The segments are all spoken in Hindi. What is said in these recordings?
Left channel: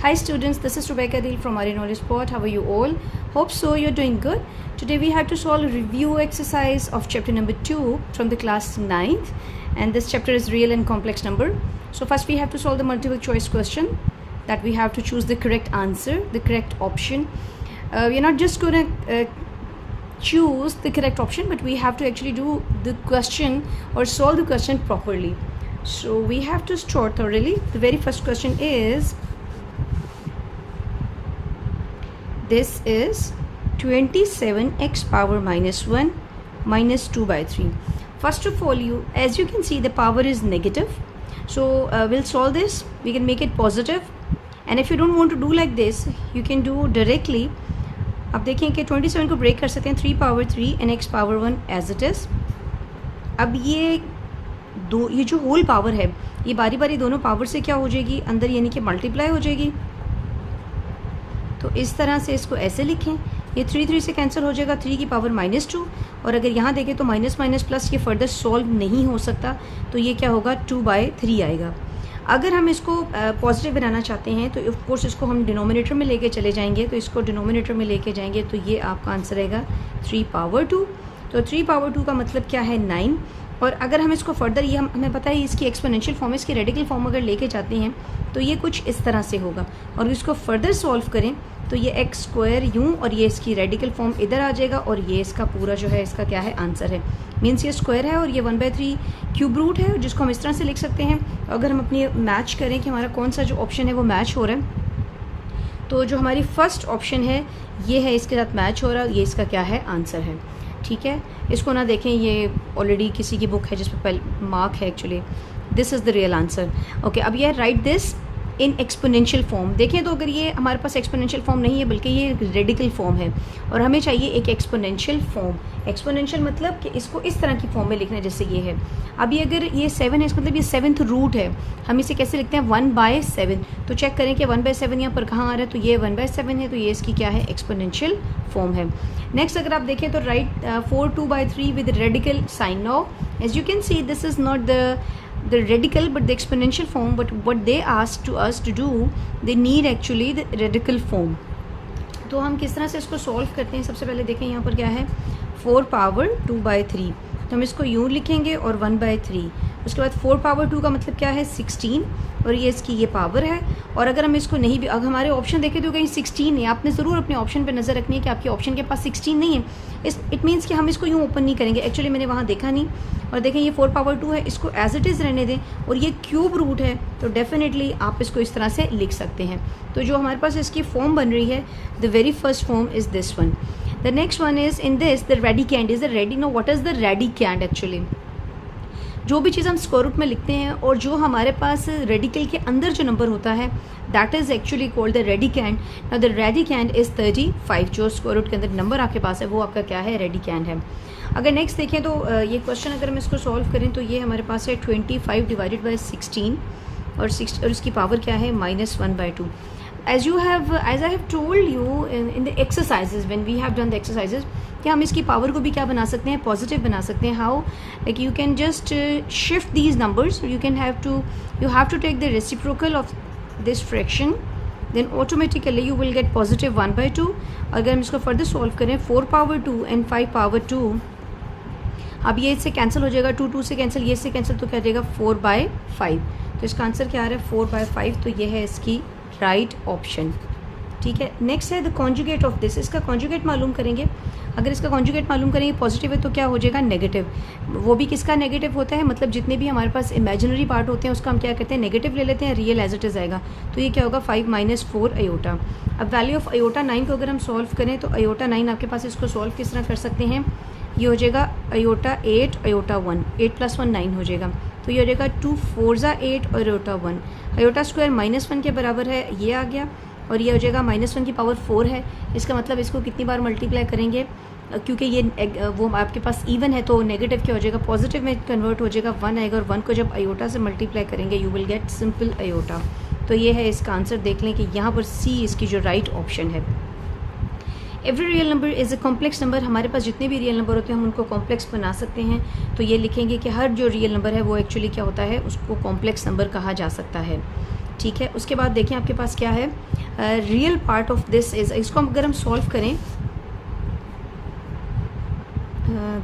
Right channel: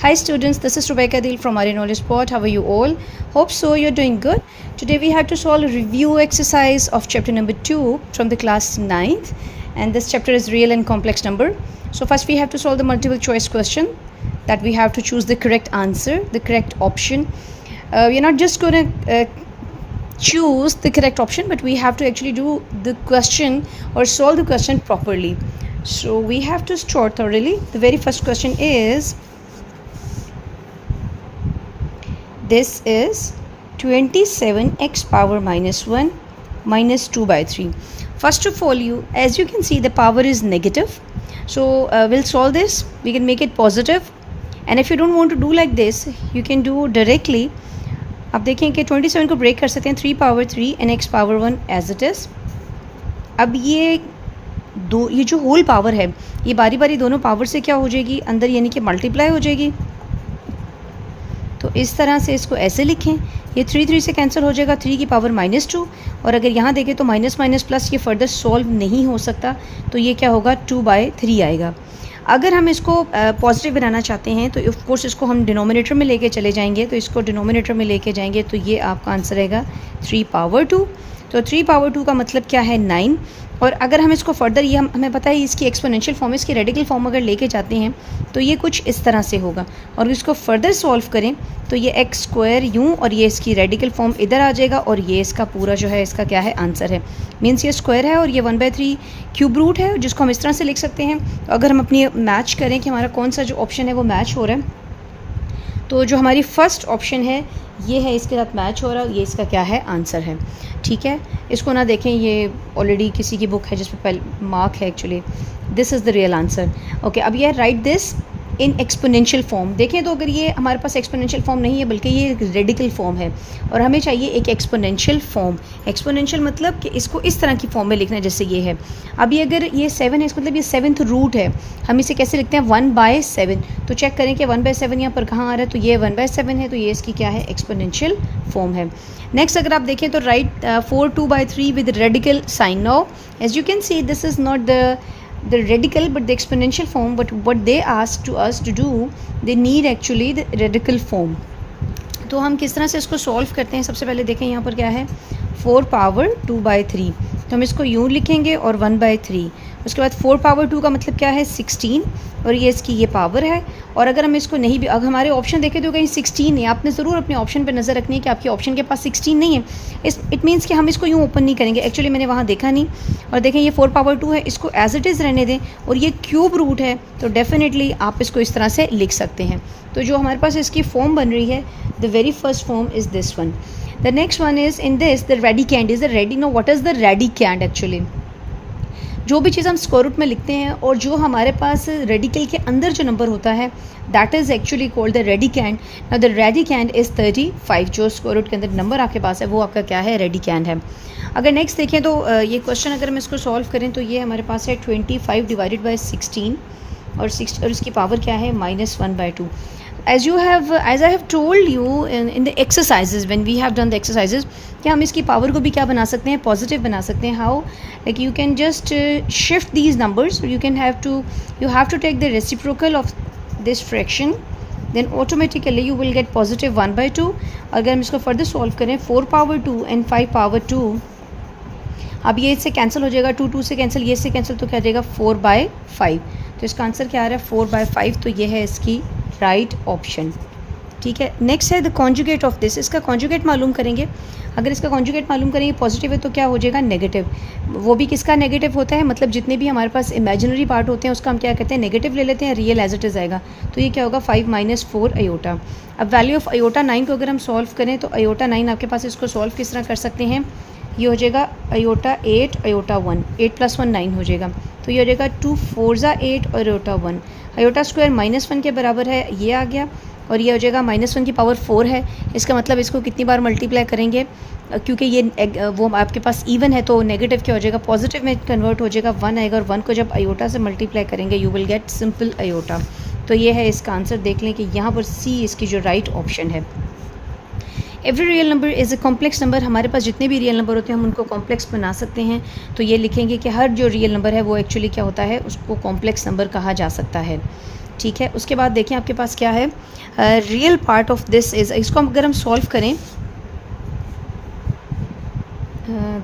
Hi students, this is Rebecca Deal from Arya Knowledge Spot. How are you all? Hope so you're doing good. Today we have to solve a review exercise of chapter number 2 from the class 9th, and this chapter is real and complex number. So first we have to solve the multiple choice question that we have to choose the correct answer, the correct option. We're not just going to choose the correct option, but we have to actually do the question or solve the question properly. So we have to start thoroughly. The very first question is, this is 27x power minus 1 minus 2 by 3. First of all, as you can see, the power is negative. So we'll solve this. We can make it positive. And if you don't want to do like this, you can do directly. अब देखें कि 27 को ब्रेक कर सकते हैं 3 power 3 and x power 1 as it is. अब ये जो होल पावर है, ये बारी बारी दोनों पावर से क्या हो जाएगी अंदर, यानी कि मल्टीप्लाई हो जाएगी. तो इस तरह से इसको ऐसे लिखें. ये 3 से कैंसिल हो जाएगा, 3 की पावर -2. और अगर यहाँ देखें तो माइनस माइनस प्लस ये फर्दर सॉल्व नहीं हो सकता, तो ये क्या होगा 2/3 आएगा. अगर हम इसको पॉजिटिव बनाना चाहते हैं तो ऑफ कोर्स इसको हम डिनोमिनेटर में लेके चले जाएंगे. तो इसको डिनोमिनेटर में लेके जाएंगे तो ये आपका आंसर रहेगा 3 पावर 2. तो 3 पावर 2 का मतलब क्या है 9. और अगर हम इसको फर्दर, ये हमें पता है इसकी एक्सपोनेंशियल फॉर्म, इसकी रेडिकल फॉर्म अगर लेके जाते हैं तो ये कुछ इस तरह से होगा. और इसको फर्दर सॉल्व करें तो ये एक्स स्क्वायर यूँ, और ये इसकी रेडिकल फॉर्म इधर आ जाएगा, और ये इसका पूरा जो है इसका क्या है आंसर है. मीन्स ये स्क्वायर है और ये 1/3 क्यूब रूट है, जिसको हम इस तरह से लिख सकते हैं. तो अगर हम अपनी मैच करें कि हमारा कौन सा जो ऑप्शन है वो मैच हो रहा है, तो जो हमारी फर्स्ट ऑप्शन है ये है, इसके साथ मैच हो रहा है, ये इसका क्या है आंसर है. ठीक है, इसको ना देखें, ये ऑलरेडी किसी की बुक है जिस पर पहले मार्क है. Actually this is the real answer. Okay, अब ये right this in exponential form. देखें तो अगर ये हमारे पास एक्सपोनेंशियल फॉर्म नहीं है बल्कि ये रेडिकल फॉर्म है, और हमें चाहिए एक एक्सपोनेंशियल फॉर्म. एक्सपोनेंशियल मतलब कि इसको इस तरह की फॉर्म में लिखना है जैसे ये है. अभी अगर ये 7 है, इसका मतलब ये 7th रूट है. हम इसे कैसे लिखते हैं 1/7. तो चेक करें कि 1/7 यहाँ पर कहाँ आ रहा है, तो ये 1/7 है, तो ये इसकी क्या है एक्सपोनेंशियल फॉर्म है. नेक्स्ट अगर आप देखें तो write 4 2/3 with radical sign. Now as you can see this is not the radical but the exponential form, but what they ask to us to do, they need actually the radical form. तो हम किस तरह से इसको सॉल्व करते हैं. सबसे पहले देखें यहाँ पर क्या है 4 पावर 2/3. तो हम इसको यूँ लिखेंगे और 1/3. उसके बाद 4 पावर 2 का मतलब क्या है 16, और ये इसकी ये पावर है. और अगर हम इसको नहीं भी, अगर हमारे ऑप्शन देखें तो कहीं 16 है, आपने ज़रूर अपने ऑप्शन पे नज़र रखनी है कि आपके ऑप्शन के पास 16 नहीं है. इट मीन्स कि हम इसको यूँ ओपन नहीं करेंगे. एक्चुअली मैंने वहाँ देखा नहीं. और देखें ये 4 पावर 2 है, इसको एज इट इज़ रहने दें, और ये क्यूब रूट है, तो डेफिनेटली आप इसको इस तरह से लिख सकते हैं. तो जो हमारे पास इसकी फॉर्म बन रही है, the very first form is this one. The next one is in this the radicand is the no, what is the radicand actually? जो भी चीज़ हम स्क्वायर रूट में लिखते हैं और जो हमारे पास रेडिकल के अंदर जो नंबर होता है, that is actually called the radicand. Now the radicand is 35. जो स्क्वायर रूट के अंदर नंबर आपके पास है वो आपका क्या है रेडिकैंड है. अगर नेक्स्ट देखें तो ये क्वेश्चन अगर हम इसको सॉल्व करें तो ये हमारे पास है 25 डिवाइडेड बाई 16, और इसकी पावर क्या है -1/2. as I have told you in the exercises, when we have done the exercises, कि हम इसकी पावर को भी क्या बना सकते हैं पॉजिटिव बना सकते हैं. How, like you can just shift these numbers. You have to take the reciprocal of this fraction, then automatically you will get positive 1/2. अगर हम इसको फर्दर सॉल्व करें 4 पावर 2 and 5 पावर 2, अब ये इससे कैंसिल हो जाएगा, 2 से कैंसिल, ये इससे कैंसिल, तो क्या जाएगा 4/5. तो इसका आंसर क्या आ रहा है 4/5. तो ये है इसकी राइट ऑप्शन. ठीक है, नेक्स्ट है द कॉन्जुगेट ऑफ दिस. इसका कॉन्जुगेट मालूम करेंगे. अगर इसका कॉन्जुगेट मालूम करेंगे पॉजिटिव है तो क्या हो जाएगा नेगेटिव. वो भी किसका नेगेटिव होता है, मतलब जितने भी हमारे पास इमेजिनरी पार्ट होते हैं उसका हम क्या कहते हैं नेगेटिव ले लेते हैं, रियल एज इट इज़ आएगा. तो ये क्या होगा 5 - 4 अयोटा. अब वैल्यू ऑफ अयोटा 9 को अगर हम सॉल्व करें तो अयोटा 9 आपके पास, इसको सॉल्व किस तरह कर सकते हैं, ये हो जाएगा अयोटा 8 अयोटा 1, 8 + 1 9 हो जाएगा. तो ये हो जाएगा 2 4 8 और अयोटा 1. अयोटा स्क्वायर -1 के बराबर है, ये आ गया. और ये हो जाएगा -1 की पावर 4 है. इसका मतलब इसको कितनी बार मल्टीप्लाई करेंगे, क्योंकि ये वो आपके पास इवन है तो नेगेटिव क्या हो जाएगा पॉजिटिव में कन्वर्ट हो जाएगा, 1 आएगा. और 1 को जब अयोटा से मल्टीप्लाई करेंगे you will get simple iota. तो ये है इसका आंसर. देख लें कि यहाँ पर सी इसकी जो राइट ऑप्शन है. Every real number is a complex number. हमारे पास जितने भी रियल नंबर होते हैं हम उनको कॉम्प्लेक्स बना सकते हैं. तो ये लिखेंगे कि हर जो रियल नंबर है वो एक्चुअली क्या होता है, उसको कॉम्प्लेक्स नंबर कहा जा सकता है. ठीक है। उसके बाद देखें आपके पास क्या है, real part of this is, इसको अगर हम सॉल्व करें,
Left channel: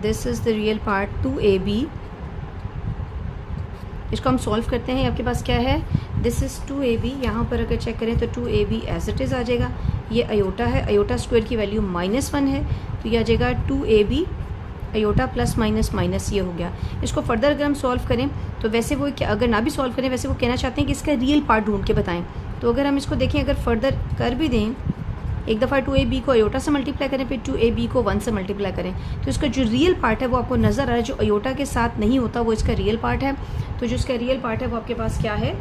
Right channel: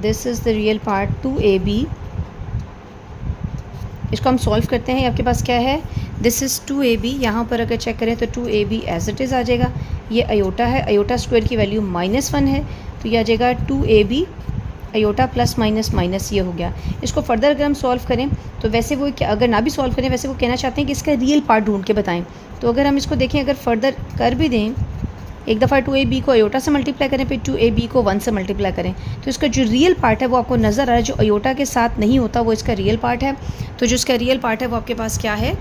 this is the real part 2ab, इसको हम सॉल्व करते हैं। आपके पास क्या है, दिस इज़ 2ab, यहाँ पर अगर चेक करें तो 2ab एज इट इज़ आ जाएगा। ये अयोटा है, अयोटा स्क्वायर की वैल्यू -1 है, तो ये आ जाएगा 2ab aorta plus minus minus, ये हो गया। इसको फर्दर अगर हम सॉल्व करें तो वैसे वो अगर ना भी सॉल्व करें, वैसे वो कहना चाहते हैं कि इसका रियल पार्ट ढूंढ के बताएं। तो अगर हम इसको देखें, अगर फर्दर कर भी दें, एक दफ़ा 2ab को अयोटा से मल्टीप्लाई करें, फिर 2ab को 1 से मल्टीप्लाई करें, तो इसका जो रियल पार्ट है वो आपको नज़र आ रहा है। जो अयोटा के साथ नहीं होता वो इसका रियल पार्ट है। तो जो इसका रियल पार्ट है वो आपके पास क्या है,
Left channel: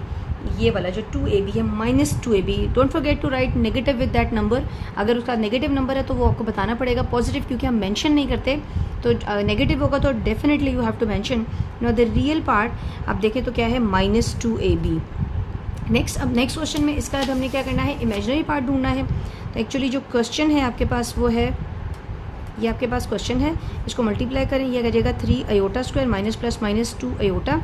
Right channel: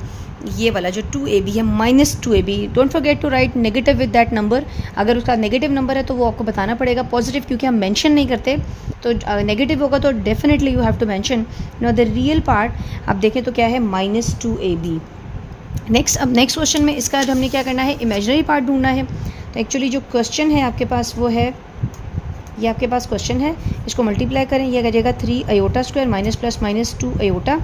ये वाला जो 2ab है, -2ab। Don't forget to write negative with that number. अगर उसका नेगेटिव नंबर है तो वो आपको बताना पड़ेगा। पॉजिटिव क्योंकि हम मेंशन नहीं करते, तो नेगेटिव होगा तो definitely you have to mention. Now the real part आप देखें तो क्या है, -2ab। नेक्स्ट, अब नेक्स्ट क्वेश्चन में इसका हमने क्या करना है, इमेजिनरी पार्ट ढूंढना है। तो एक्चुअली जो क्वेश्चन है आपके पास वो है, ये आपके पास क्वेश्चन है, इसको मल्टीप्लाई करें, ये आ जाएगा 3 iota square minus plus minus 2 iota,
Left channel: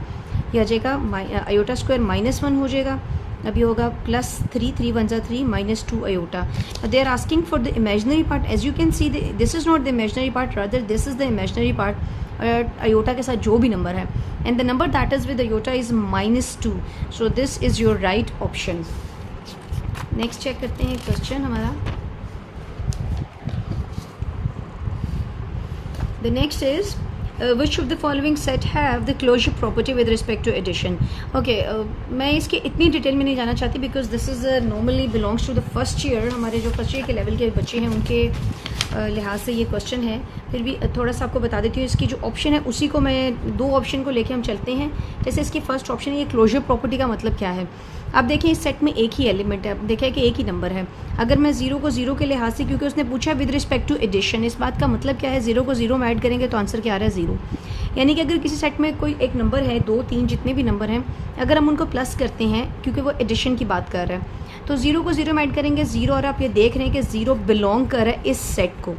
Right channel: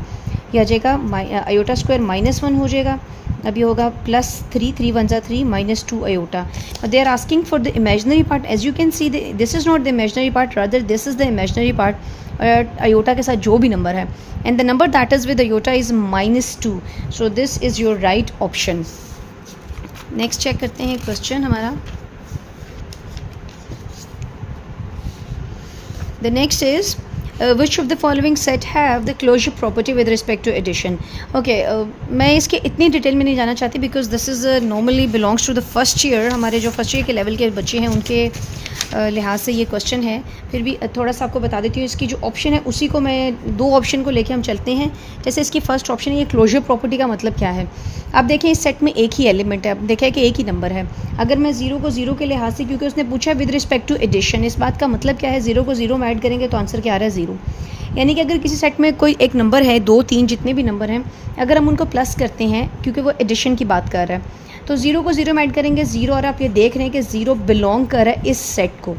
ये आ जाएगा अयोटा स्क्वायर -1 हो जाएगा। अब ये होगा +3, 3 1 जा 3 -2 iota. They are asking for the imaginary part. As you can see this is not the imaginary part, rather this is the imaginary part iota के साथ जो भी नंबर है, and the number that is with iota is -2। So this is your right option. Next check करते हैं क्वेश्चन हमारा। The next is which of the following set have the closure property with respect to addition? Okay, मैं इसके इतनी डिटेल में नहीं जाना चाहती because this is normally belongs to the first year. हमारे जो फर्स्ट ईयर के लेवल के बच्चे हैं उनके लिहाज से ये क्वेश्चन है। फिर भी थोड़ा सा आपको बता देती हूँ, इसकी जो ऑप्शन है उसी को मैं, दो ऑप्शन को लेके हम चलते हैं। जैसे इसकी फर्स्ट ऑप्शन है, ये क्लोजर प्रॉपर्टी का मतलब क्या है। अब देखें इस सेट में एक ही एलिमेंट है, अब देखें कि एक ही नंबर है। अगर मैं 0 को 0 के लिहाज से, क्योंकि उसने पूछा विद रिस्पेक्ट टू एडिशन, इस बात का मतलब क्या है, 0 को 0 में ऐड करेंगे तो आंसर क्या आ रहा है, 0। यानी कि अगर किसी सेट में कोई एक नंबर है, 2 3 जितने भी नंबर हैं, अगर हम उनको प्लस करते हैं, क्योंकि वो एडिशन की बात कर रहा है, तो 0 को 0 में ऐड करेंगे 0, और आप ये देख रहे हैं कि 0 बिलोंग कर रहा है इस सेट को,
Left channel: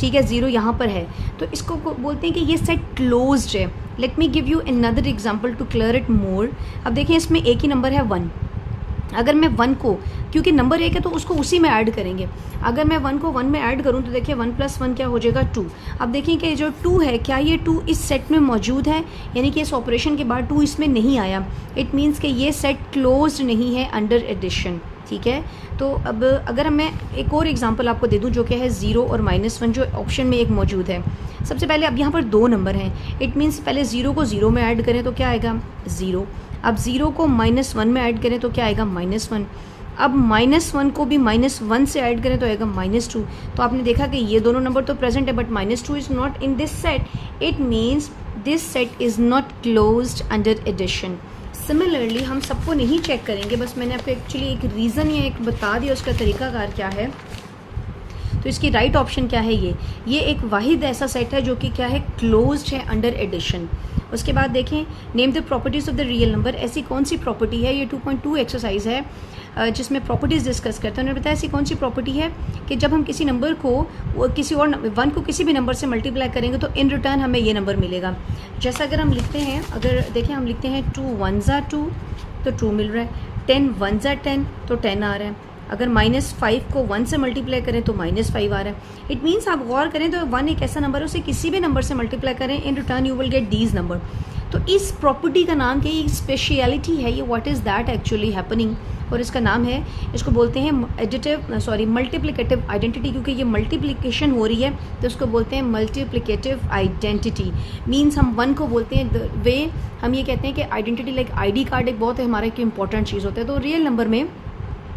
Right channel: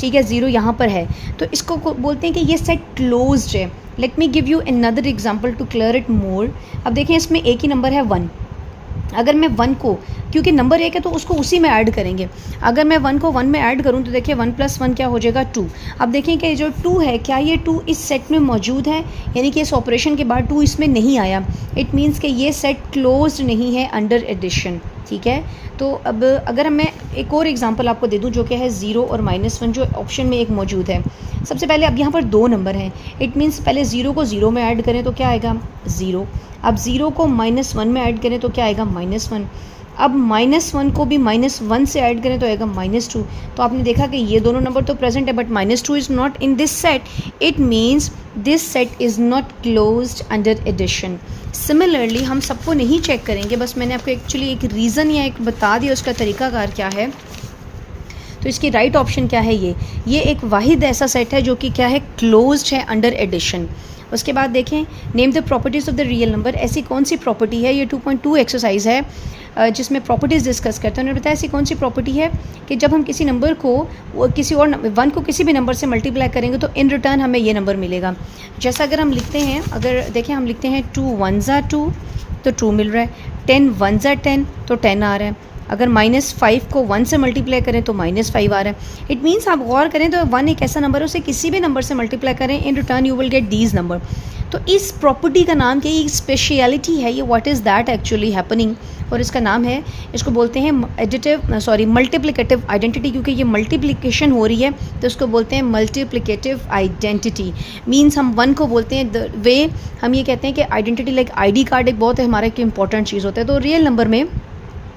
ठीक है, 0 यहाँ पर है, तो इसको बोलते हैं कि ये सेट क्लोज्ड है। Let me give you another example to clear it more. अब देखिए इसमें एक ही नंबर है 1। अगर मैं 1 को, क्योंकि नंबर एक है तो उसको उसी में ऐड करेंगे, अगर मैं 1 को 1 में ऐड करूं तो देखिए 1 + 1 क्या हो जाएगा, 2। अब देखें कि जो 2 है, क्या ये 2 इस सेट में मौजूद है, यानी कि इस ऑपरेशन के बाद 2 इसमें नहीं आया, इट मीन्स कि ये सेट क्लोज नहीं है अंडर एडिशन, ठीक है। तो अब अगर मैं एक और एग्जांपल आपको दे दूं जो कि है 0 और -1 जो ऑप्शन में एक मौजूद है। सबसे पहले अब यहाँ पर 2 नंबर हैं, इट मीन्स पहले 0 को 0 में ऐड करें तो क्या आएगा, 0। अब 0 को -1 में ऐड करें तो क्या आएगा, -1। अब -1 को भी -1 से ऐड करें तो आएगा -2। तो आपने देखा कि ये दोनों नंबर तो प्रेजेंट है, but -2 is not in this set, it means this set is not closed under addition. Similarly हम सबको नहीं चेक करेंगे, बस मैंने आपको एक्चुअली एक रीज़न या एक बता दिया उसका तरीकाकार क्या है। तो इसकी राइट ऑप्शन क्या है, ये एक वाहिद ऐसा सेट है जो कि क्या है, क्लोज्ड है अंडर एडिशन। उसके बाद देखें, name the properties of the real number. ऐसी कौन सी प्रॉपर्टी है, ये 2.2 एक्सरसाइज है जिसमें प्रॉपर्टीज़ डिस्कस करते हैं। उन्होंने बताया ऐसी कौन सी प्रॉपर्टी है कि जब हम किसी नंबर को किसी और 1 को किसी भी नंबर से मल्टीप्लाई करेंगे तो इन रिटर्न हमें ये नंबर मिलेगा। जैसा अगर हम लिखते हैं, अगर देखें हम लिखते हैं 2 1 जा 2 तो 2 मिल रहा है, 10 1 जा 10 तो 10 आ रहा है, अगर -5 को 1 से मल्टीप्लाई करें तो -5 आ रहा है। इट मीन्स आप गौर करें तो 1 एक ऐसा नंबर है, उसे किसी भी नंबर से मल्टीप्लाई करें, in return you will get these number. तो इस प्रॉपर्टी का नाम क्या, ये स्पेशलिटी है, ये what is that actually happening, और इसका नाम है, इसको बोलते हैं मल्टीप्लिकेटिव आइडेंटिटी। क्योंकि ये मल्टीप्लिकेशन हो रही है तो इसको बोलते हैं मल्टीप्लिकेटिव आइडेंटिटी। मीन्स हम 1 को बोलते हैं द वे हम ये कहते हैं कि आइडेंटिटी लाइक ID कार्ड एक बहुत हमारा एक इंपॉर्टेंट चीज़ होता है। तो रियल नंबर में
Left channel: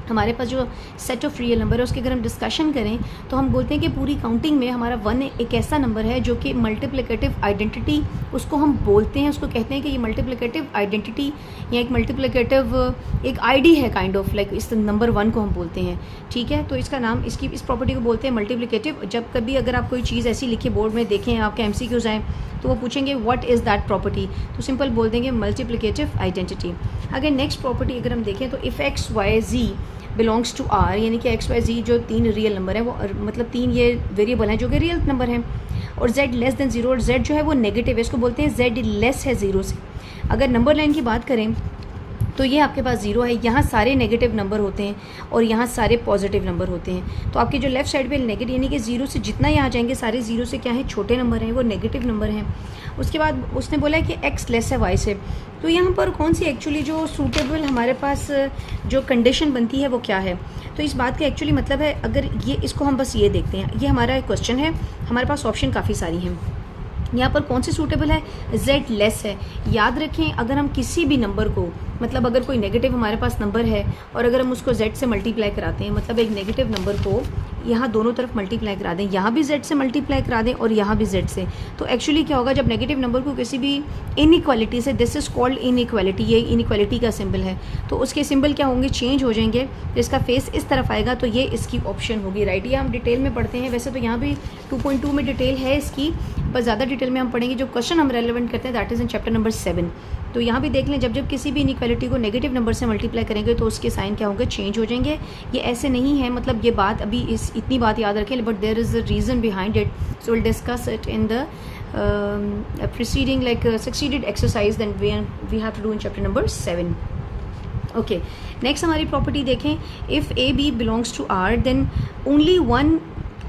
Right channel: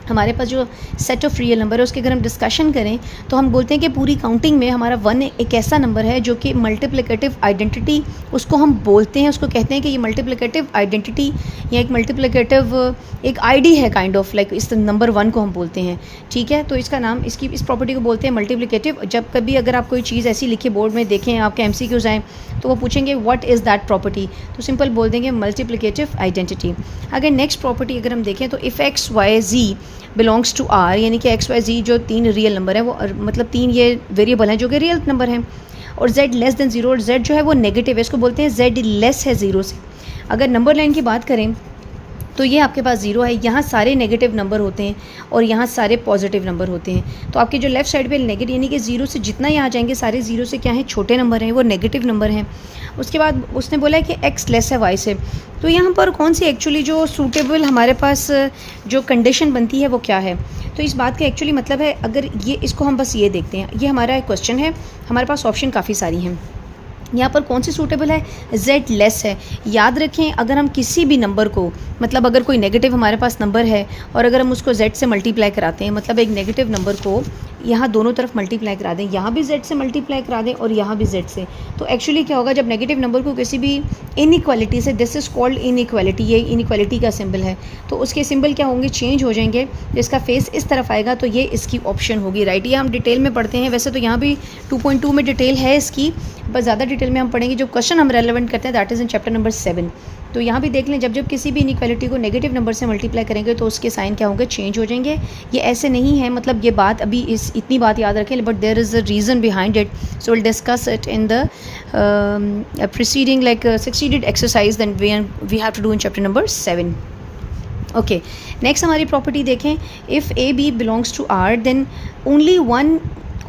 हमारे पास जो सेट ऑफ रियल नंबर है उसकी अगर हम डिस्कशन करें तो हम बोलते हैं कि पूरी काउंटिंग में हमारा 1 एक ऐसा नंबर है जो कि मल्टीप्लिकेटिव आइडेंटिटी उसको हम बोलते हैं, उसको कहते हैं कि ये मल्टीप्लिकेटिव आइडेंटिटी या एक मल्टीप्लिकेटिव एक ID है काइंड ऑफ लाइक, इस नंबर 1 को हम बोलते हैं, ठीक है। तो इसका नाम, इसकी इस प्रॉपर्टी को बोलते हैं मल्टीप्लिकेटिव। जब कभी अगर आप कोई चीज़ ऐसी लिखी बोर्ड में देखें, आपके MCQs आएँ तो वो पूछेंगे व्हाट इज़ दैट प्रॉपर्टी, तो सिंपल बोल देंगे मल्टीप्लिकेटिव आइडेंटिटी। अगर नेक्स्ट प्रॉपर्टी अगर हम देखें तो if X Y Z belongs to R, यानी कि X Y Z जो 3 रियल नंबर है, वो मतलब 3 ये वेरिएबल हैं जो कि रियल नंबर हैं, और Z लेस देन 0, और Z जो है वो नेगेटिव है, इसको बोलते हैं Z लेस है 0 से। अगर नंबर लाइन की बात करें तो ये आपके पास 0 है। यहाँ सारे नेगेटिव नंबर होते हैं और यहाँ सारे पॉजिटिव नंबर होते हैं। तो आपके जो लेफ्ट साइड पे नेगेटिव यानी कि 0 से जितना ही आ जाएंगे सारे 0 से क्या है, छोटे नंबर हैं, वो नेगेटिव नंबर हैं। उसके बाद उसने बोला है कि x लेस है y से। तो यहाँ पर कौन सी एक्चुअली जो सूटेबल हमारे पास जो कंडीशन बनती है वो क्या है। तो इस बात का एक्चुअली मतलब है, अगर ये इसको हम बस ये देखते हैं, ये हमारा क्वेश्चन है, हमारे पास ऑप्शन काफ़ी सारी हैं। यहाँ पर कौन सी सूटेबल है, z लेस है। याद रखें, अगर हम किसी भी नंबर को, मतलब अगर कोई नेगेटिव हमारे पास नंबर है और अगर हम उसको z से मल्टीप्लाई कराते हैं, मतलब एक नेगेटिव नंबर को यहाँ दोनों तरफ मल्टीप्लाई करा दें, यहाँ भी z से मल्टीप्लाई करा दें और यहाँ भी z से, तो एक्चुअली क्या होगा, जब नेगेटिव नंबर को किसी भी इनइक्वालिटी से, दिस इज़ कॉल्ड इनइक्वालिटी, ये इनइक्वालिटी का सिंबल है, तो उसके सिंबल क्या होंगे, चेंज हो जाएंगे। जिसका फेस इस तरफ आएगा तो ये इसकी ऑप्शन होगी, राइट। ये हम डिटेल में पढ़ते हैं, वैसे तो यहाँ भी 2.2 में डिटेल है इसकी, बस ज़्यादा डिटेल में हम पढ़ेंगे। जो क्वेश्चन हम रेलेवेंट करते हैं that is in chapter number 7। तो यहाँ भी देख लें, जब जब किसी भी इनइक्वालिटी को नेगेटिव नंबर से मल्टीप्लाई करेंगे तो उसके साइन क्या होंगे, चेंज हो जाएंगे। ये ऐसे नहीं है, मतलब ये बात अभी इतनी बात याद रखें, but there is a reason behind it, so will discuss it in the preceding like succeeded exercise then we have to do in chapter number 7. Okay, next हमारी प्रॉपर्टी देखें, if A B belongs to R then only one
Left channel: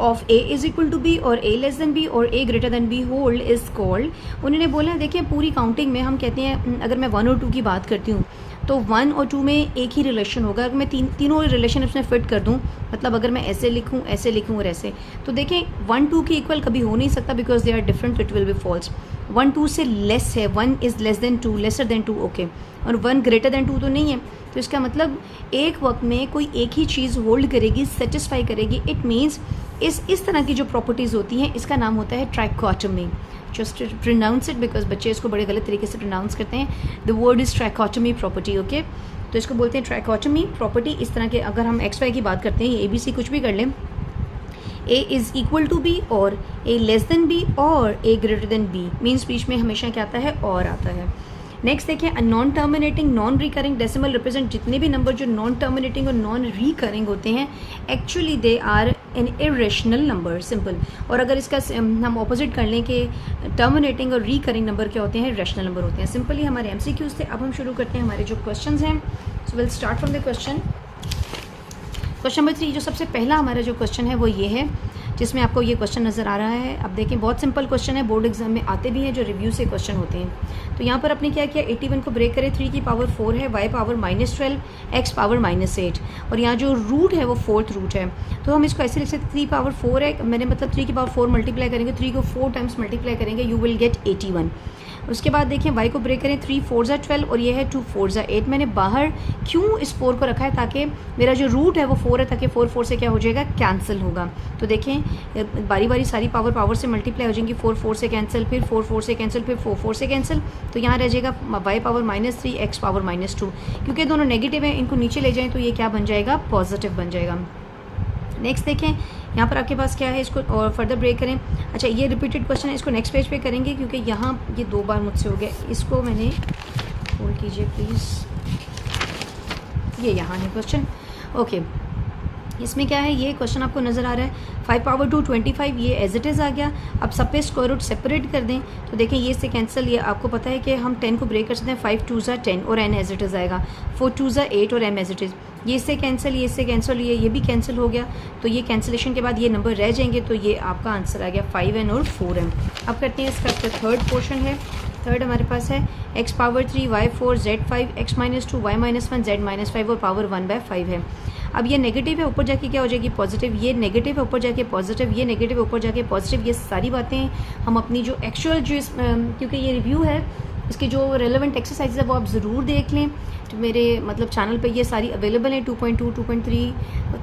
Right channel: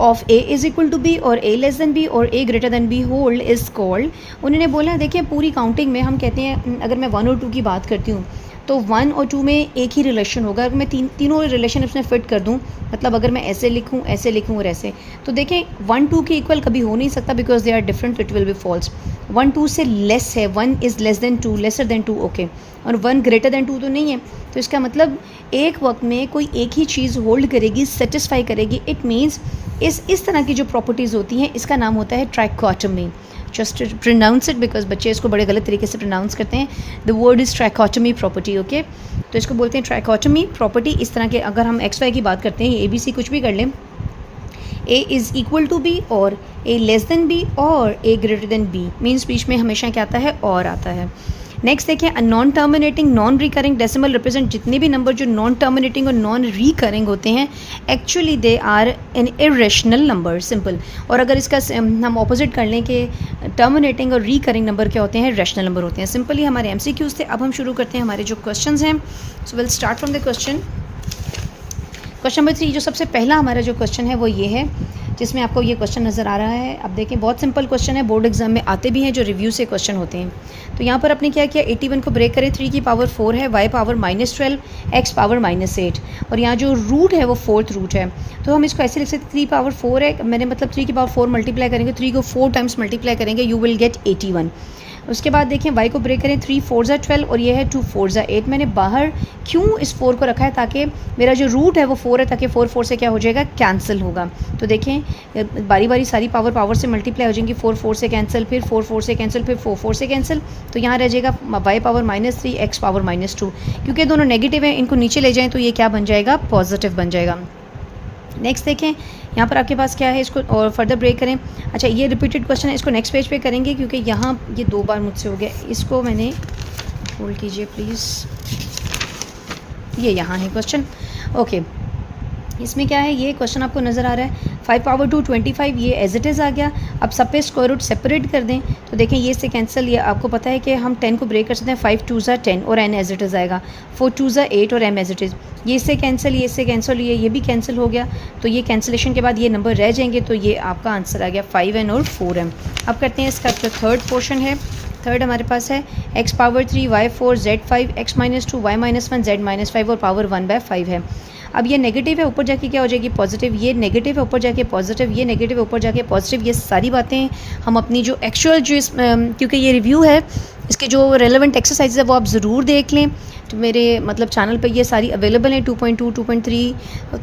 of A is equal to B और ए लेस देन बी और A greater than B hold is called. उन्होंने बोला है, देखिए पूरी काउंटिंग में हम कहते हैं, अगर मैं 1 और 2 की बात करती हूँ तो 1 और 2 में एक ही रिलेशन होगा। अगर मैं तीनों रिलेशन इसमें फिट कर दूँ, मतलब अगर मैं ऐसे लिखूँ और ऐसे, तो देखें 1 2 के इक्वल कभी हो नहीं सकता, because they are different, it will be false. 1 2 से लेस है, 1 is less than 2, lesser than 2, okay, और 1 ग्रेटर देन 2 तो नहीं है। तो इसका मतलब एक वक्त में कोई एक ही चीज़ होल्ड करेगी, सेटिस्फाई करेगी। इट मीन्स इस तरह की जो प्रॉपर्टीज़ होती हैं इसका नाम होता है trichotomy. Just pronounce it, because बच्चे इसको बड़े गलत तरीके से प्रोनाउंस करते हैं। The word is trichotomy property, okay. तो इसको बोलते हैं ट्राइकोटमी प्रॉपर्टी। इस तरह के अगर हम एक्स वाई की बात करते हैं, ए बी सी कुछ भी कर लें, A is equal to B और ए लेस देन बी और A greater than B, means बीच में हमेशा क्या आता है, और आता है। नेक्स्ट देखें, non terminating non recurring decimal represent जितने भी नंबर जो नॉन टर्मिनेटिंग और नॉन रिकरिंग होते हैं, actually they are an irrational number, simple. और अगर इसका हम ऑपोजिट कर लें कि टर्मिनेटिंग और रिकरिंग नंबर क्या होते हैं, रेशनल नंबर होते हैं। सिंपली हमारे MCQs थे। अब हम शुरू करते हैं हमारे जो क्वेश्चंस हैं। So will start from the question number 3। जो सबसे पहला हमारा जो क्वेश्चन है वो ये है, जिसमें आपको ये क्वेश्चन नज़र आ रहा है। अब देखें, बहुत सिंपल क्वेश्चन है, बोर्ड एग्जाम में आते भी हैं, जो रिव्यू से क्वेश्चन होते हैं। तो यहाँ पर आपने क्या किया, 81 को ब्रेक करें, 3 की पावर 4 है, y पावर -12, x पावर -8, और यहाँ जो रूट है वो 4th रूट है। तो हम इसको ऐसे लिख सकते हैं, 3 पावर 4 है, मैंने मतलब 3 की पावर 4 मल्टीप्लाई करेंगे, 3 को 4 टाइम्स मल्टीप्लाई करेंगे, यू विल गेट 81। उसके बाद देखें, y को ब्रेक करें, 3 4 ज़ा 12 और ये है 2 4 ज़ा 8। मैंने बाहर क्यों इस 4 को रखा है, ताकि मेरा जो रूट है वो 4 है, ताकि 4 4 से क्या हो जाएगा, कैंसिल होगा। तो देखें बारी बारी सारी पावर से मल्टीप्लाई हो जाएंगी, 4 4 से कैंसिल, फिर 4 4 से कैंसिल, फिर 4 4 से कैंसिल। तो यहाँ रह जाएगा y पावर -3, x पावर -2। क्योंकि दोनों नेगेटिव हैं, इनको नीचे ले जाएँ तो ये क्या बन जाएगा, पॉजिटिव बन जाएगा। नेक्स्ट देखें, यहाँ पर आपके पास क्या है, इसको और फर्दर ब्रेक करें। अच्छा, ये रिपीटेड क्वेश्चन है, इसको नेक्स्ट पेज पे करेंगे, क्योंकि यहाँ ये 2 बार मुझसे हो गया। इसको मैंने होल्ड कीजिए प्लीज़, ये यहाँ है क्वेश्चन, ओके। इसमें क्या है, ये क्वेश्चन आपको नज़र आ रहा है, 5 पावर 2 25, ये एज इट इज़ आ गया। अब सब पे स्क्वायर रूट सेपरेट कर दें, तो देखें ये से कैंसिल, ये आपको पता है कि हम 10 को ब्रेक कर सकते हैं, 5 2 ज़ा 10 और n एज इट इज़ आएगा, 4 2 ज़ा 8 और m एज इट इज़। ये इससे कैंसिल, ये इससे कैंसिल, ये भी कैंसिल हो गया। तो ये कैंसिलेशन के बाद ये नंबर रह जाएंगे, तो ये आपका आंसर आ गया 5n और 4m। अब करते हैं इसका जो थर्ड पोर्शन है। थर्ड हमारे पास है x power 3 y 4 z 5 x -2 y -1 z -5 और पावर 1/5 है। अब ये नेगेटिव है, ऊपर जाके क्या हो जाएगी, पॉजिटिव। ये नेगेटिव है, ऊपर जाके पॉजिटिव। ये नेगेटिव है, ऊपर जाके पॉजिटिव। ये सारी बातें हम अपनी जो एक्चुअल जो क्योंकि ये रिव्यू है, इसके जो रेलेवेंट एक्सरसाइज है वो आप ज़रूर देख लें। तो मेरे मतलब चैनल पे ये सारी अवेलेबल हैं, 2.2 2.3।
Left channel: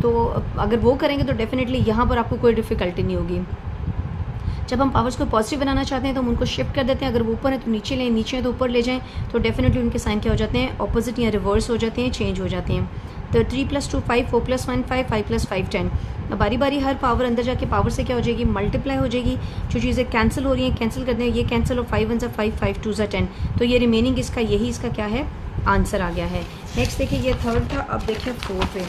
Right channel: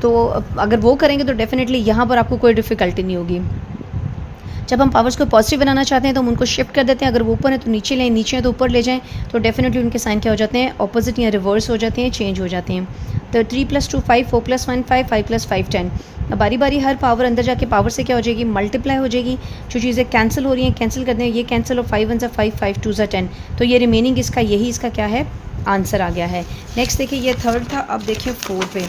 तो अगर वो करेंगे तो डेफिनेटली यहाँ पर आपको कोई डिफ़िकल्टी नहीं होगी। जब हम पावर्स को पॉजिटिव बनाना चाहते हैं तो हम उनको शिफ्ट कर देते हैं, अगर वो ऊपर है तो नीचे लें, नीचे है तो ऊपर ले जाएं, तो डेफिनेटली उनके साइन क्या हो जाते हैं, ऑपोजिट या रिवर्स हो जाते हैं, चेंज हो जाते हैं। तो 3 + 2 5, 4 + 1 5, 5 + 5 10। अब बारी बारी हर पावर अंदर जाके पावर से क्या हो जाएगी, मल्टीप्लाई हो जाएगी। जो चीज़ें कैंसिल हो रही हैं कैंसिल कर दें, ये कैंसिल और 5 1 ज़ा 5, 5 2 ज़ा 10। तो ये रिमेनिंग इसका यही इसका क्या है, आंसर आ गया है। नेक्स्ट देखिए, ये थर्ड था। अब देखिए 4 पे,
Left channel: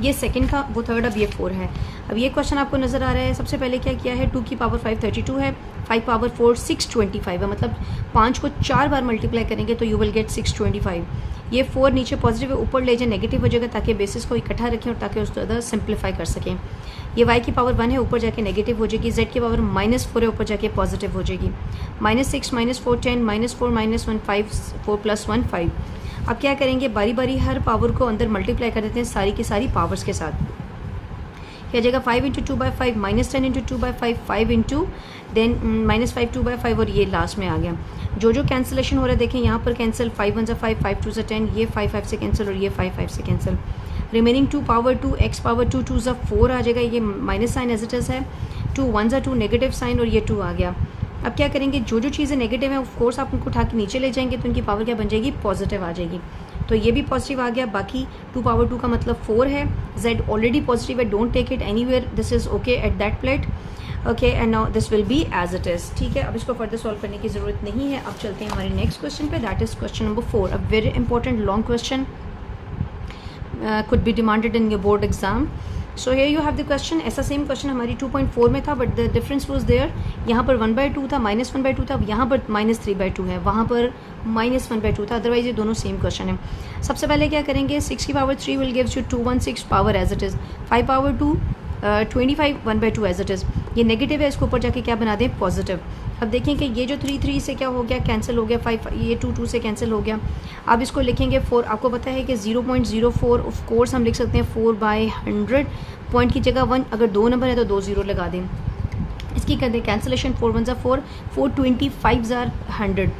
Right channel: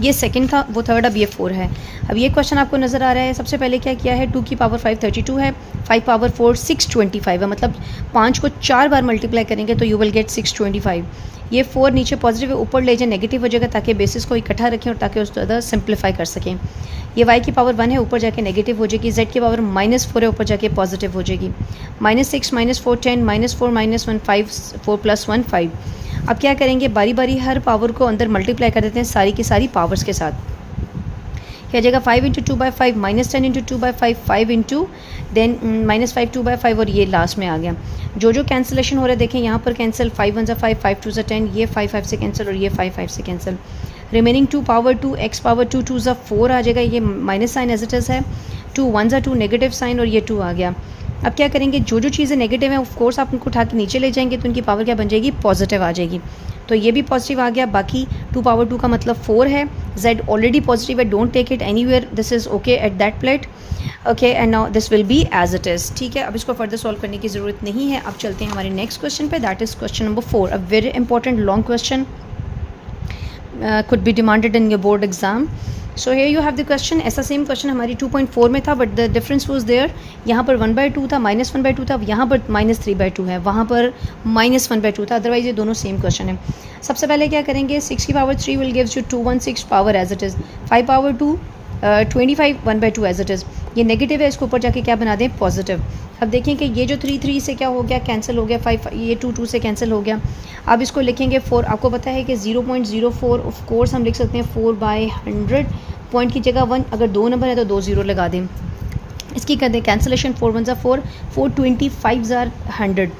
ये सेकंड था, वो थर्ड, अब ये 4 है। अब ये क्वेश्चन आपको नज़र आ रहा है, सबसे पहले क्या किया है, 2 की पावर 5 32 है, 5 पावर 4 625 है, मतलब 5 को 4 बार मल्टीप्लाई करेंगे तो यू विल गेट 625। ये 4 नीचे पॉजिटिव है, ऊपर ले जाए नेगेटिव हो जाएगा, ताकि बेसिस को इकट्ठा रखें और ताकि उसको ज़्यादा सिंप्लीफाई कर सकें। ये y की पावर 1 है, ऊपर जाके नेगेटिव हो जाएगी, z की पावर -4 है, ऊपर जाके पॉजिटिव हो जाएगी, -6 -4 10 -4 -1 5 4 + 1 5। अब क्या करेंगे, बारी बारी हर पावर को अंदर मल्टीप्लाई कर देते हैं सारी की सारी पावर्स के साथ। क्या जाएगा, 5 × 2/5 -10 × 2/5 5 इंटू देन -5 2/5 और ये लास्ट में आ गया। जो जो कैंसिलेशन हो रहा है देखें यहाँ पर कैंसिल, 5 1 5 5 2 10, ये 5 5 से कैंसिल और ये 5 5 से cancel. Remaining 2 power 2 x power 2 2 4 आ जाएगा, ये minus sign as it is है, 2 1 2 नेगेटिव साइन और ये 2 आ गया। अब क्या करेंगे, जो जो चीज़ें नेगेटिव हैं ऑफ कोर्स आप उनको उठा के नीचे ले जाएंगे तो उनकी पावर क्या बन जाएगी, पॉजिटिव आ जाएगी। तो ये भी पॉजिटिव आ गया, बाकी 2 पावर 2 का मतलब 4 है, z ऑलरेडी पॉजिटिव है, don't take it anywhere, this is okay at that plate, okay and now this will be as it is. ठीक है, अब इसको फर्दर सॉल्व करने की ज़रूरत नहीं है। अब चलते हैं हमारे नेक्स्ट क्वेश्चन पे, that is question number 4, a very important long question, could be demanded in your board exam. So here you have the question, ऐसा सेम क्वेश्चन हमारी 2.4 में था, but the difference was there, यहाँ पर 1/2 था, -1/2 था, यहाँ पर -3/2 है, वहाँ पर -1/2 था, अदरवाइज ये दोनों सेम क्वेश्चन है। सबसे पहले क्या करेंगे, 6 की power 3 will gives you 216 power as it is, 5 power 2 25 1/2 as it is, ये नेगेटिव है, इसको ऊपर जाके क्या बना दें, पॉजिटिव। अब देखें कि ये जो 3 3 से क्या हो गया, कैंसिल हो गया, 5 ये 2 2 से कैंसिल हो गया। अब इसको लिखेंगे 4, आपको पता है कि 0.04 ऑफ कोर्स हम लिख सकते हैं 4/100, पॉइंट की जगह 1, अगर 2 नंबर है तो 2 0 लगा दें। इसकी कर दें कैंसिलेशन, 4 1 4 425 100।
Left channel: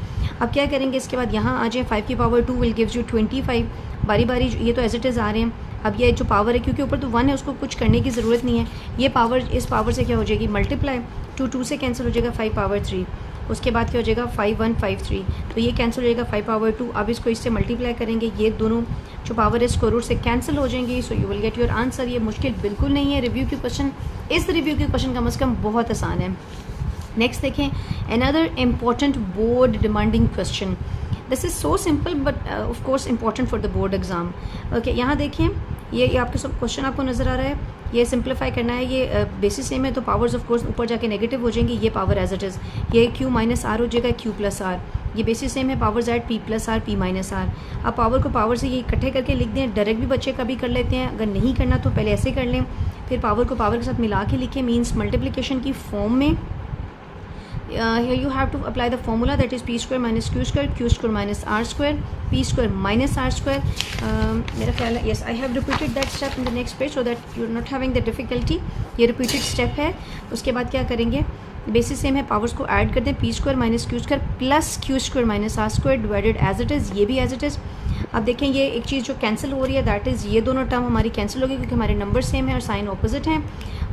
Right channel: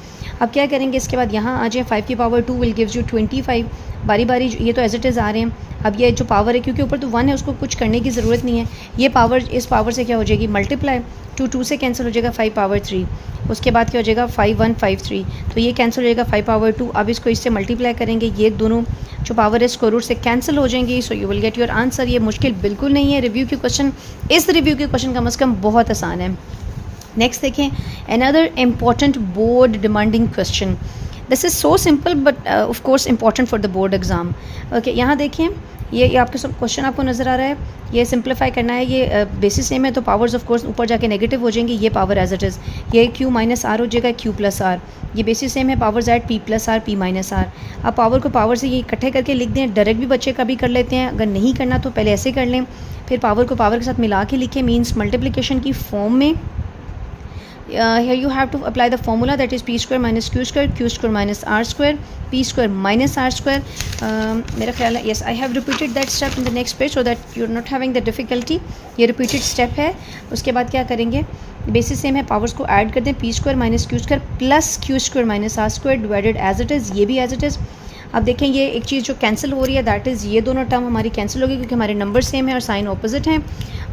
अब क्या करेंगे, इसके बाद यहाँ आ जाए, 5 की पावर 2 विल गिव्स यू 25, बारी बारी ये तो एज इट इज़ आ रहे हैं। अब ये जो पावर है, क्योंकि ऊपर तो 1 है, उसको कुछ करने की ज़रूरत नहीं है, ये पावर इस पावर से क्या हो जाएगी, मल्टीप्लाई, 2 2 से कैंसिल हो जाएगा, 5 पावर 3, उसके बाद क्या हो जाएगा 5 1 5 3, तो ये कैंसिल हो जाएगा 5 पावर 2। अब इसको इससे मल्टीप्लाई करेंगे, ये दोनों जो पावर है स्क्वायर रूट से कैंसिल हो जाएंगी, so you will get your answer. ये मुश्किल बिल्कुल नहीं है, रिव्यू के क्वेश्चन, इस रिव्यू के क्वेश्चन कम से कम बहुत आसान है। नेक्स्ट देखें, another important board demanding question, this is so simple but of course important for the board exam. Okay, यहाँ देखें, ये आपके सब क्वेश्चन आपको नज़र आ रहा है, ये सिंप्लीफाई करना है, ये बेसिस सेम है तो पावर्स ऑफ कोर्स ऊपर जाके नेगेटिव हो जाएंगी, ये पावर एज इट इज़, ये q - r हो जाएगा, q + r, ये बेसिस सेम है, power z p + r p - r। अब पावर को पावर से ये इकट्ठे करके लिख दें, डायरेक्ट भी बच्चे कभी कर लेते हैं, अगर नहीं करना तो पहले ऐसे कर लें, फिर पावर को पावर के साथ मिला के लिखें, मीन्स मल्टीप्लिकेशन की फॉर्म में। Here you have to apply the formula, that is p square minus q square, q square minus r square, p square minus r square. मेरा ख्याल है, yes I have repeated that step in the next page so that you're not having the difficulty. ये repeated step है। उसके बाद क्या करेंगे, बेसिस सेम है, पावर्स को ऐड कर दें, p square minus q square plus q square minus r square divided as it is, ये भी as it is। अब देखें, ये एक चीज़ जो कैंसिल हो रही है, दैट इज़ ये दोनों टर्म हमारी कैंसिल होगी क्योंकि हमारे नंबर सेम है और साइन ऑपोजिट हैं।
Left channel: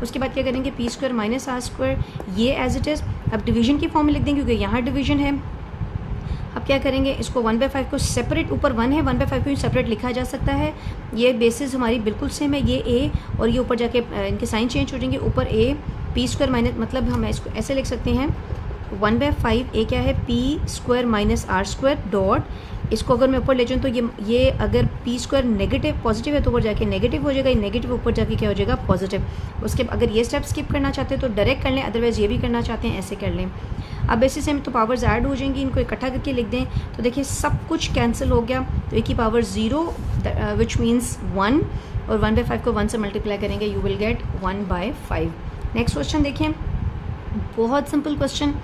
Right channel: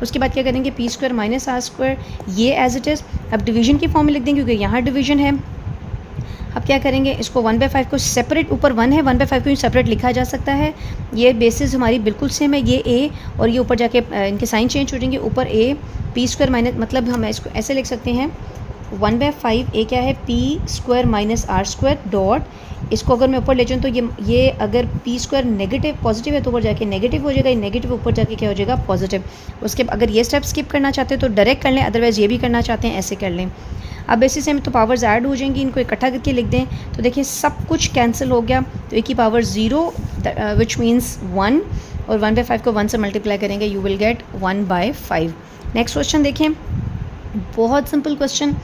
उसके बाद क्या करेंगे, p square minus r square, ये एज इट इज़। अब डिवीजन की फॉर्म में लिख देंगे क्योंकि यहाँ डिवीजन है। अब क्या करेंगे, इसको 1/5 को सेपरेट, ऊपर 1 है, 1/5 को सेपरेट लिखा जा सकता है, ये बेसिस हमारी बिल्कुल सेम है, ये a और ये ऊपर जाके इनके साइन चेंज हो जाएंगे, ऊपर a p स्क्वायर माइनस, मतलब हम इसको ऐसे लिख सकते हैं 1/5 a क्या है, p square minus r square dot, इसको अगर मैं ऊपर ले जाऊँ तो ये अगर p स्क्वायर नेगेटिव पॉजिटिव है तो ऊपर जाके नेगेटिव हो जाएगा, ये नेगेटिव ऊपर जाके क्या हो जाएगा, पॉजिटिव। उसके अगर ये स्टेप स्किप करना चाहते हैं तो डायरेक्ट कर लें, अदरवाइज़ ये भी करना चाहते हैं ऐसे कर लें। अब बेसिस से तो पावर्स ऐड हो जाएंगी, इनको इकट्ठा करके लिख दें तो देखिए सब कुछ कैंसिल हो गया, तो a की पावर 0 विच मीन्स 1 और 1/5 को 1 से मल्टीप्लाई करेंगे, you will gate 1/5। Next question देखें, बहुत सिंपल क्वेश्चन,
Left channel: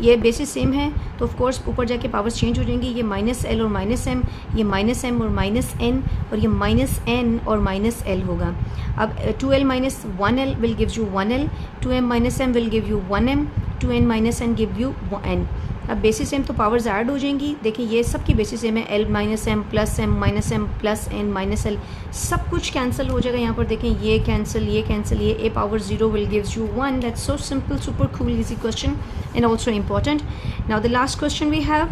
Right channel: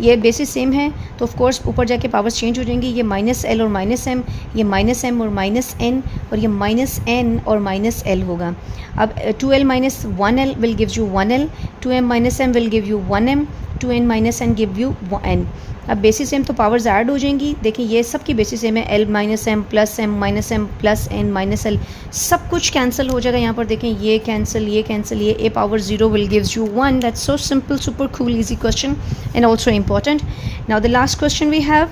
ये बेसिस सेम है तो ऑफ कोर्स ऊपर जाके पावर्स चेंज हो जाएंगी, ये -l और -m, ये -m और -n और ये -n और -l होगा। अब 2l - 1l will give you 1l, 2m - m will give you 1m, 2n - n give you n। अब बेसिस सेम तो पावर्स ऐड हो जाएंगी, देखिए ये सब की बेसिस सेम है, l - m plus m - m plus n -l, सब कुछ कैंसिल हो जाएगा। यहाँ पर देखें, ये कैंसिल, ये कैंसिल, ये a power 0 will gives you 1। That's so simple, super cool, easy question and also important. Now the last question we have,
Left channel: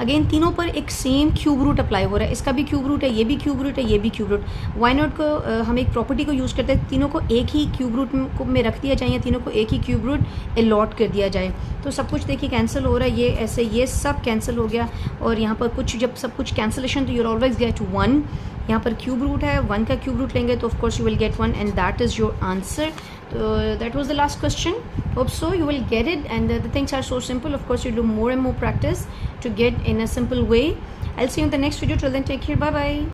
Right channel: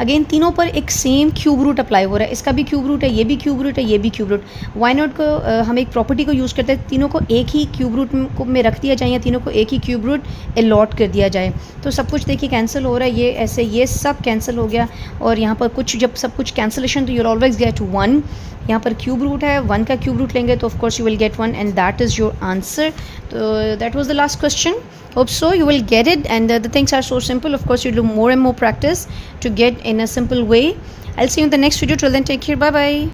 again तीनों पर एक सेम क्यूब रूट अप्लाई हो रहा है, इसका भी क्यूब रूट है, ये भी क्यूब रूट है, ये भी क्यूब रूट। वाई नॉट को हम एक प्रॉपर्टी को यूज़ करते हैं, तीनों को एक ही क्यूब रूट में रख दिया जाए या तीनों को एक ही क्यूब रूट अलॉट कर दिया जाए, तो सब कुछ देखिए कैंसिल हो रहा है, ये ऐसे ये सब कैंसिल हो गया। और यहाँ पर कुछ जब सब कुछ कैंसिलेशन, तो यूर ऑलवेज गेट 1, यहाँ पर क्यूब रूट है, 1 का क्यूब रूट लेंगे तो of course you will gate 1 and that is your answer. So that was the last question. Hope so you will get it, and the things are so simple. Of course, you do more and more practice to get in a simple way. I'll see you in the next video. Till then, take care. Bye bye.